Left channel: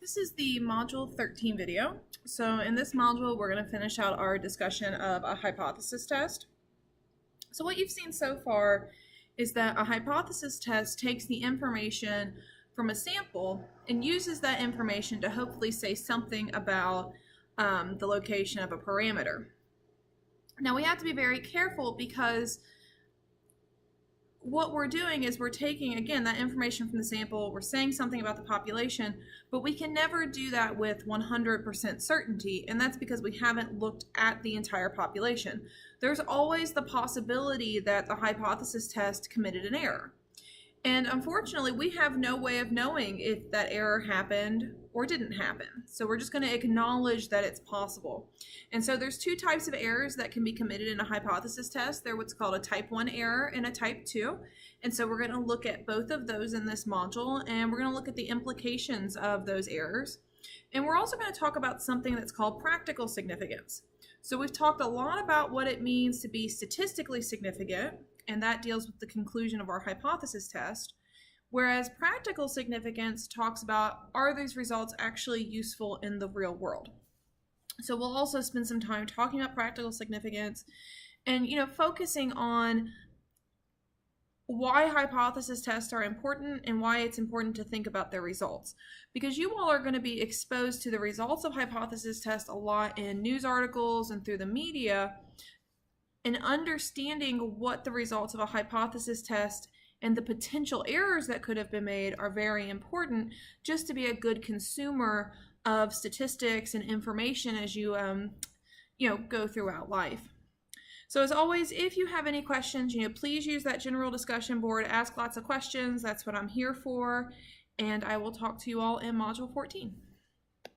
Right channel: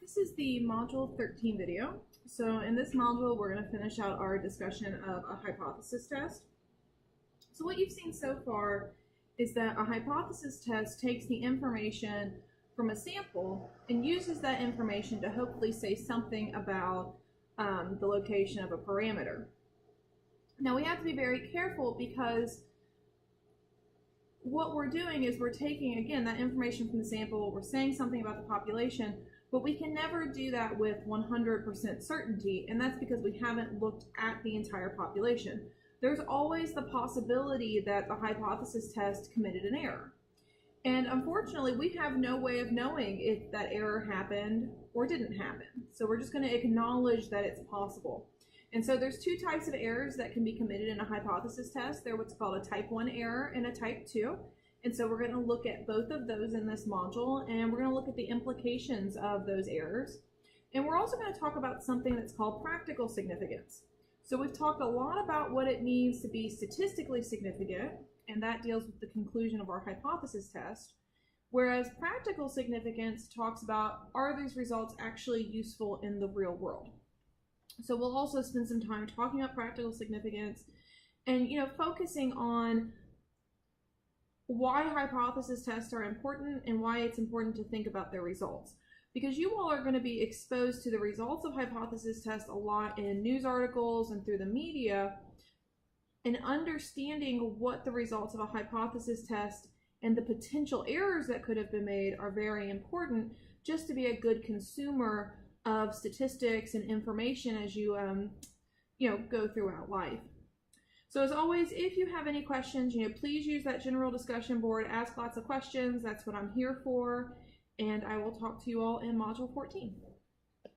This is the Module 13 video. So in this module, we're going to finish out our discussion of a hypothesis test. So what you've seen so far is that a hypothesis test takes the information from a sample and uses that information to hopefully say something about the location of a parameter. Now we have to be very careful because what we're doing is we're taking, again, that information from the sample, we're saying something about the population, but we can never do that with 100% certainty, and that's because we haven't looked at the entire population. There's always the possibility that the hypothesis test committed an error. And unfortunately, we have no way of knowing if that error happened or didn't happen. So we're just going to acknowledge that it's possible. And so there's two types of errors that can be committed in a hypothesis test. They're what's called a type 1 error and a type 2. And so we're going to look at both of those in this module, and we're going to look at the implications of those errors. And we're also going to talk about something that's called practical significance. So we've talked a lot about what it means to be statistically significant, and that deals with the conclusion of our hypothesis test. Whereas practical significance talks about, are these results actually useful in the real world? So we'll also spend some time talking about practical significance and, focusing on why hypothesis tests are important and why it's important to think about their results. Because you all are going to be exposed to the results of hypothesis tests a lot in news articles and through the media, and understanding what the results of a hypothesis test and the potential errors that could have been made are very important just to be a good consumer of statistics and information as you go throughout life. So as always, if you have any questions, please use that general discussion board, ask lots of questions. That's what I'm here for. And I will talk to you all in Module 14.